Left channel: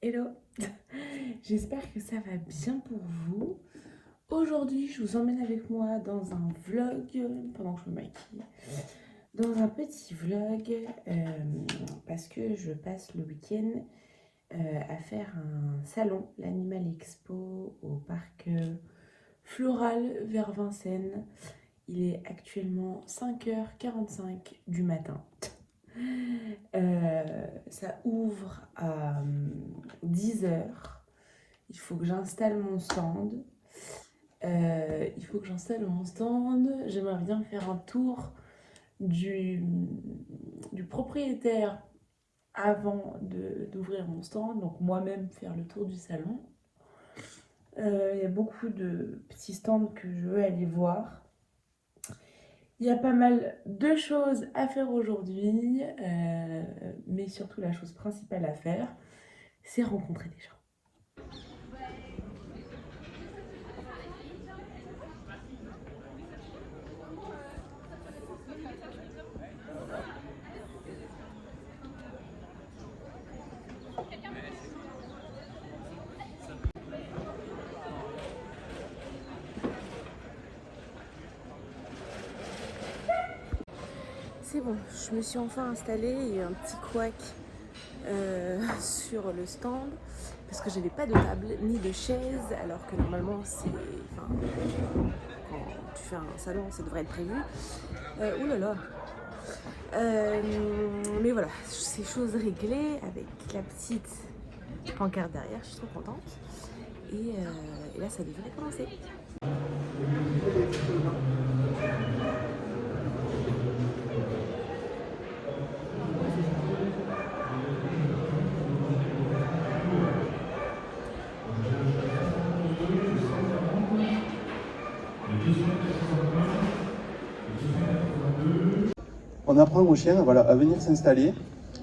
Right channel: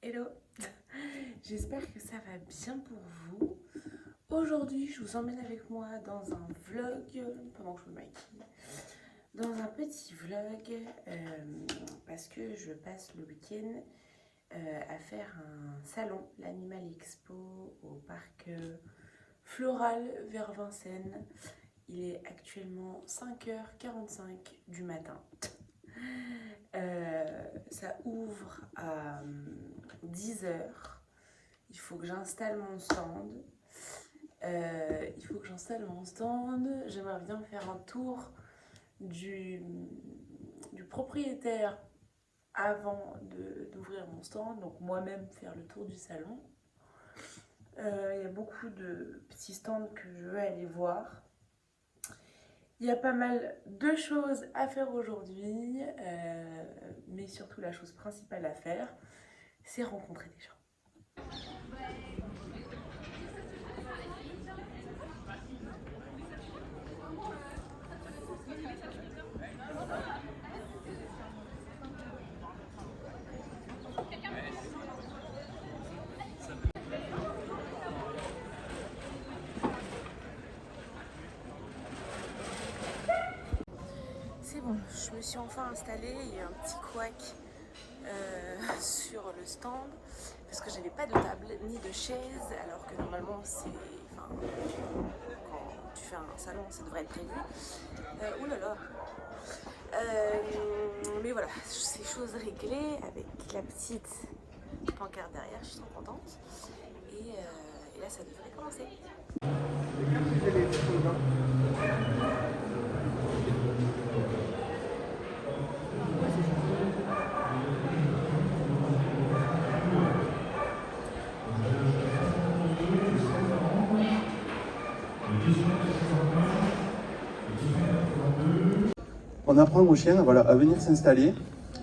Hello, j'espère que ça va bien pour vous. Aujourd'hui, je vous emmène avec moi dans un vlog, pendant que je me maquille, dans un petit vlog, parce que je passe le week-end à faire un salon, l'Animal Expo, au parc floral vers Vincennes. Il est actuellement 5h45 du matin. Ça ouvre à 10h. Il faut que j'installe mon stand. J'aimerais bien faire un tour du propriétaire avant d'ouvrir mon stand. Donc moi-même faire le tour du salon. Il y a beaucoup de petits stands que je veux aller voir. Il y a pas mal de choses à faire aujourd'hui, mais surtout la chose principale à faire, c'est rencontrer des gens. C'est bon, je me suis enfin installée, il y a un petit couac sur le stand parce que j'avais pas de table ni de chaise alors que normalement c'est, quand tu fais un salon ça devrait être prévu. Oulala. Mais voilà, c'est chose réglée avec la petite pancarte derrière, je suis trop contente. Et là ça devrait commencer. On apprend aux chiens à venir s'installer.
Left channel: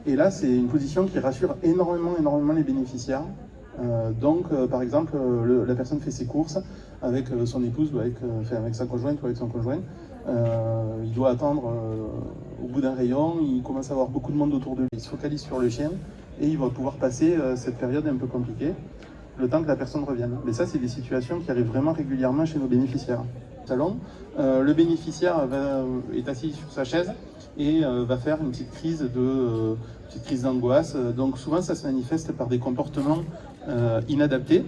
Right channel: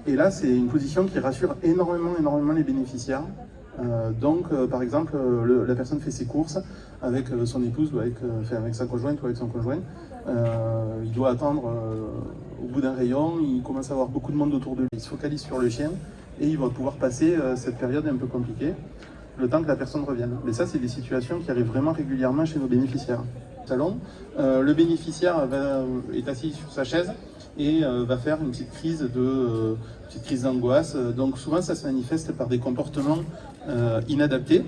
Et là, c'est une position qui rassure énormément les bénéficiaires. Par exemple, la personne fait ses courses avec son épouse ou avec sa conjointe ou avec son conjoint. Il doit attendre au bout d'un rayon, il commence à avoir beaucoup de monde autour de lui. Il se focalise sur le chien et il va pouvoir passer cette période un peu compliquée, le temps que la personne revienne. Mais ça, c'est des situations qui arrivent vraiment régulièrement chez nos bénéficiaires. Salon, le bénéficiaire est assis sur sa chaise et va faire une petite crise d'angoisse. Donc souvent, ça se manifeste par des comportements inadaptés,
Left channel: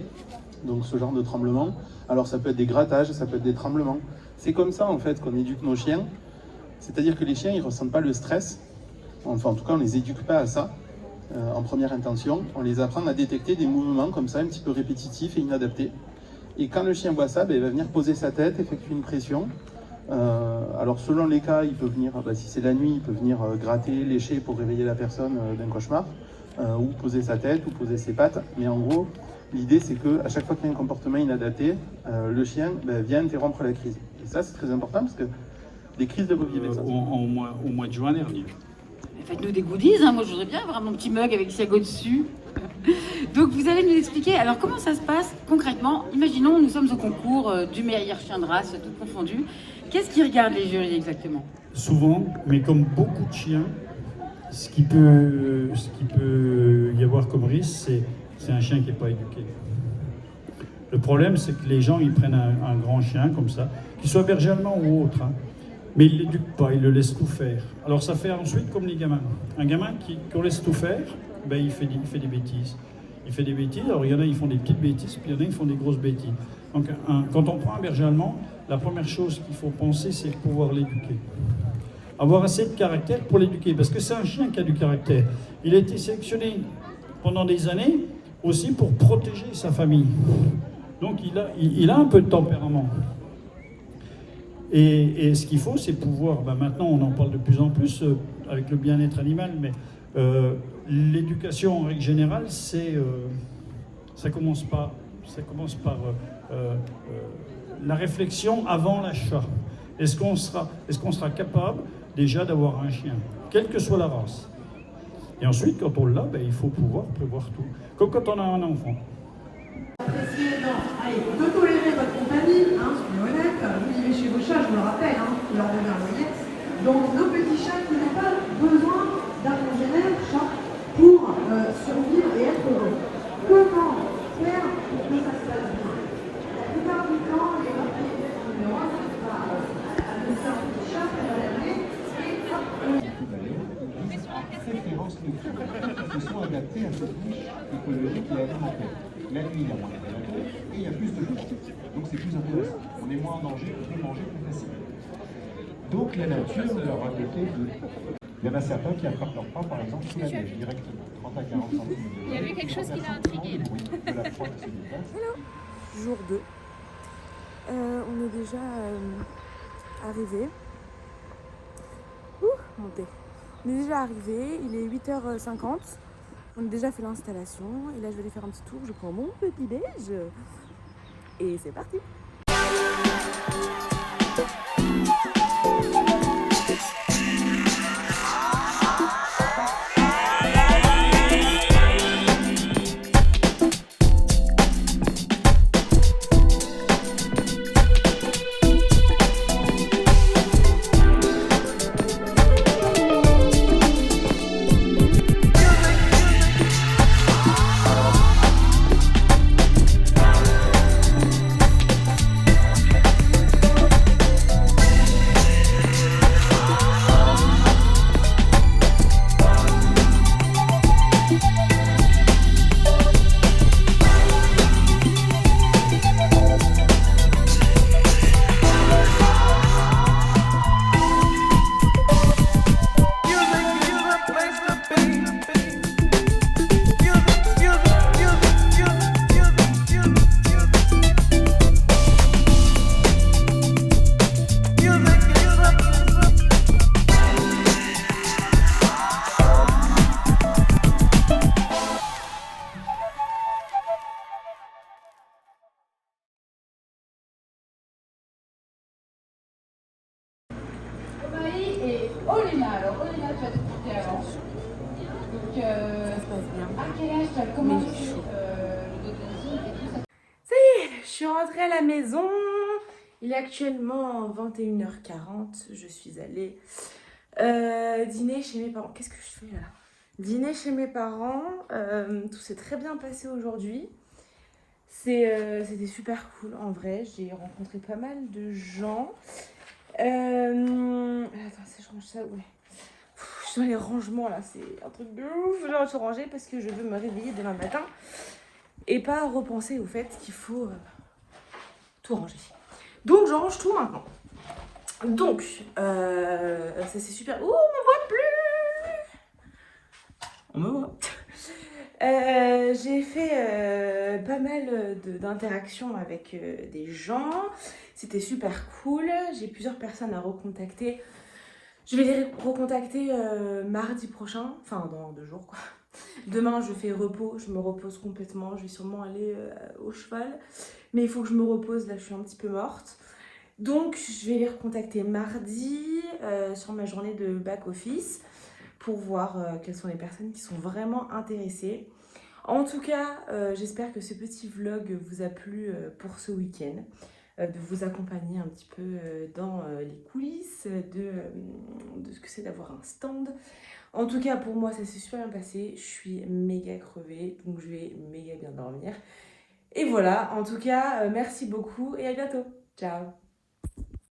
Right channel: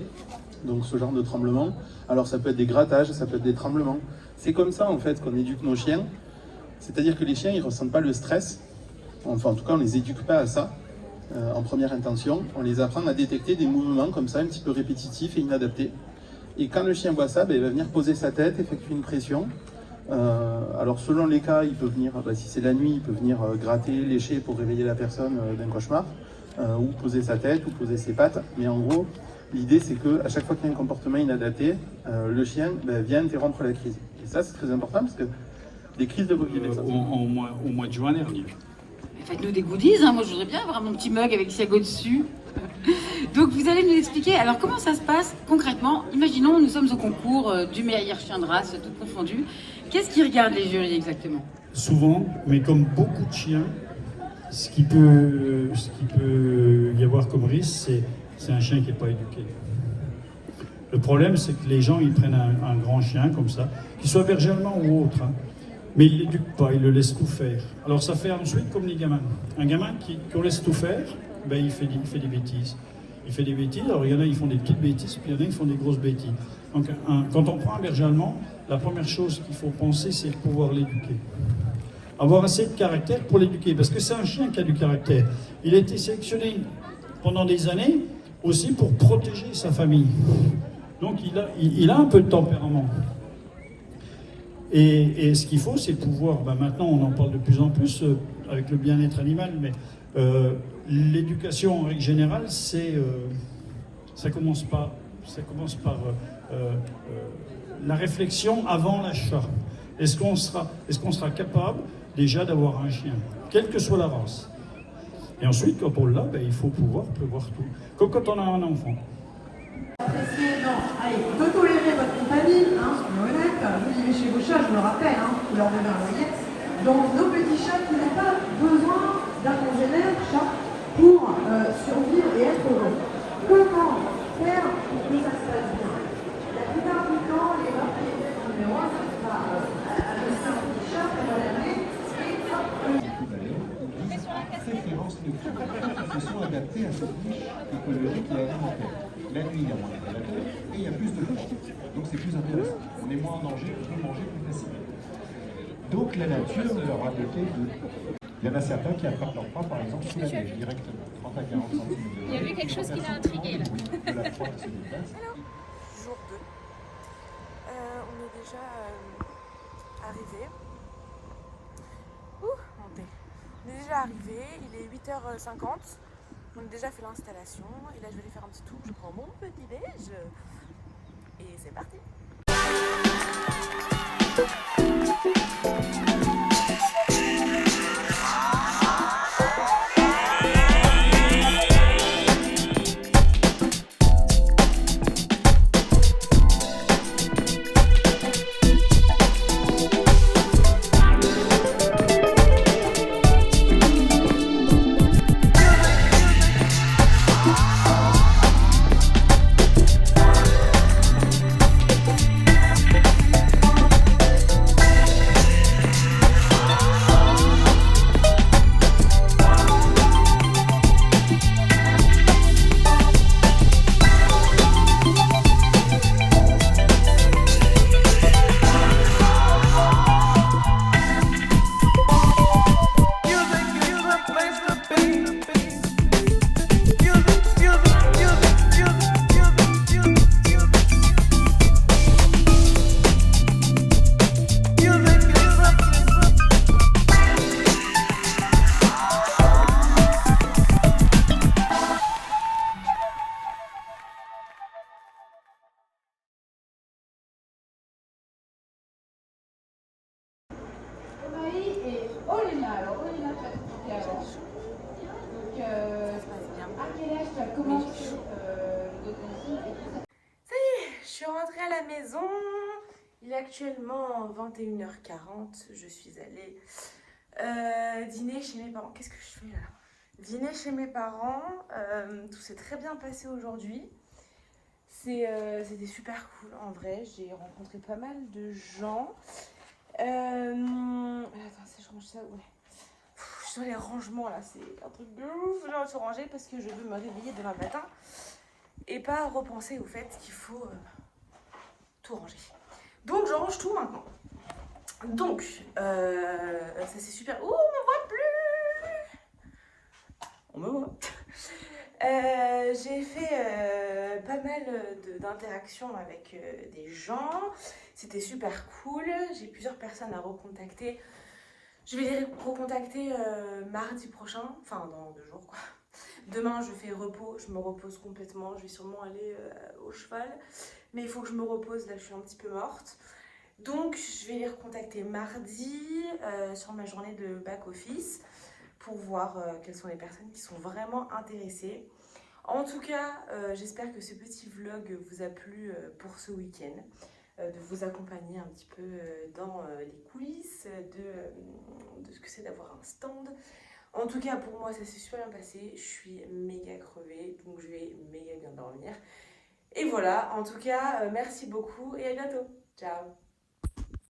donc ce genre de tremblement. Alors ça peut être des grattages, ça peut être des tremblements. C'est comme ça en fait qu'on éduque nos chiens. C'est-à-dire que les chiens, ils ne ressentent pas le stress. Enfin, en tout cas, on ne les éduque pas à ça. En première intention, on les apprend à détecter des mouvements comme ça, un petit peu répétitifs et inadaptés. Et quand le chien voit ça, il va venir poser sa tête, effectuer une pression. Alors selon les cas, il peut venir, si c'est la nuit, il peut venir gratter, lécher pour réveiller la personne d'un cauchemar, ou poser sa tête, ou poser ses pattes. Mais en gros, l'idée c'est qu'à chaque fois qu'il y a un comportement inadapté, le chien vient interrompre la crise. Et ça c'est très important parce que des crises de vivre au mois de juin dernier. Faites-nous des goodies, hein. Moi je voudrais bien avoir mon petit mug avec Siago dessus. Donc vous allez nous expliquer, alors comment ça se passe concrètement? Imaginons, nous sommes au concours du meilleur chien de race, tout confondu. Qu'est-ce qui regarde les jurys exactement? Souvent, mais comme beaucoup de chiens, ce qui peut y avoir comme risque, c'est un chien qui n'est pas éduqué. Le problème, c'est que les gens, ils prennent un grand chien comme ça, qu'il soit berger allemand ou autre, hein, mais ils ne l'éduquent pas, ils le laissent tout faire. Alors ça fait ensuite comme les gamins. Un gamin qu'on laisse tout faire, il fait des bêtises. Il fait des bêtises, alors il y en a, ils font des petites bêtises, puis il y en a, ils font des grosses bêtises. Donc quand on prend un berger allemand, la première chose qu'il faut penser, c'est pouvoir l'éduquer. Avoir assez de caractère pour l'éduquer, parce que c'est un chien qui a du caractère. Il a été sélectionné pendant des années aussi pour protéger sa famille. Donc il a un peu de tempérament. Et ce qu'il faut, c'est pouvoir, maintenant on en parle de plus en plus avec le bien-être animal, mais l'éducation en règle générale, ça commence par la réflexion avant l'achat. Est-ce qu'on sera capable déjà d'avoir un chien, quelle que soit la race? Et ensuite, quand on l'a, il faut pouvoir prévoir tout, comme quand on a un enfant. Allez, il faut tolérer votre compagnie, soyons honnêtes. Vous vivez chez vos chats, je me le rappelle, vous leur donnez un loyer. Donc nos petits chats n'ont pas besoin d'un congénère chat pour survivre et être heureux. à cette niche écologique qui est alimentaire, même évidemment. Et il y a plus de choses. Donc c'est plus intéressant. On est moins en danger, on peut manger plus facilement. Donc la nature leur a doté de... Il y en a certains qui attrapent leur proie, par exemple, sous la neige, directement, 30 à 40 cm. Il y avait quelque chose qui l'a intrigué. Jour 2. On est déjà arrivé. Montez. On est déjà arrivé, il est 8h50. On a déjà fait l'installation. Et là, je vais aller faire un petit tour. Je prends mon petit déj. Et c'est parti. Et Olena, alors Olena, tu vas t'expliquer avant. Donc, à quel âge tu as commencé le dancing et tout ça? Je suis rentrée à la maison. Il est actuellement 21h40. Je suis allée dîner chez mes parents. Qu'est-ce que je fais là? Dîner chez mes parents. Tout s'est très bien passé aujourd'hui. C'était super cool en vrai. J'ai rencontré pas mal de gens. Attends, si je range ça, ouais. Je suis dans les rangements là, c'est un truc de ouf. Je dois tout ranger parce que je veux me réveiller demain matin et pas repenser au fait qu'il faut tout ranger. Donc je range tout maintenant. Donc ça c'est super. Oh, on me voit plus. On me voit. J'ai fait pas mal d'interactions avec des gens. C'était super cool. J'ai plusieurs personnes à recontacter. Je vais les recontacter mardi prochain. Enfin, dans 2 jours, quoi. Demain, je fais repos. Je me repose complètement. Je vais sûrement aller au cheval. Mais il faut que je me repose. Là, je suis un petit peu morte. Donc, je vais les recontacter mardi sur ma journée de back-office pour voir quelles sont les personnes qui sont vraiment intéressées. En tout cas, j'espère que ce petit vlog vous a plu pour ce week-end, de vous accompagner un petit peu dans les coulisses de ce que c'est d'avoir un stand. En tout cas, pour moi, ça s'est super bien passé. Je suis méga crevée, donc je vais méga bien dormir. Et voilà, en tout cas, merci beaucoup et à bientôt. Ciao!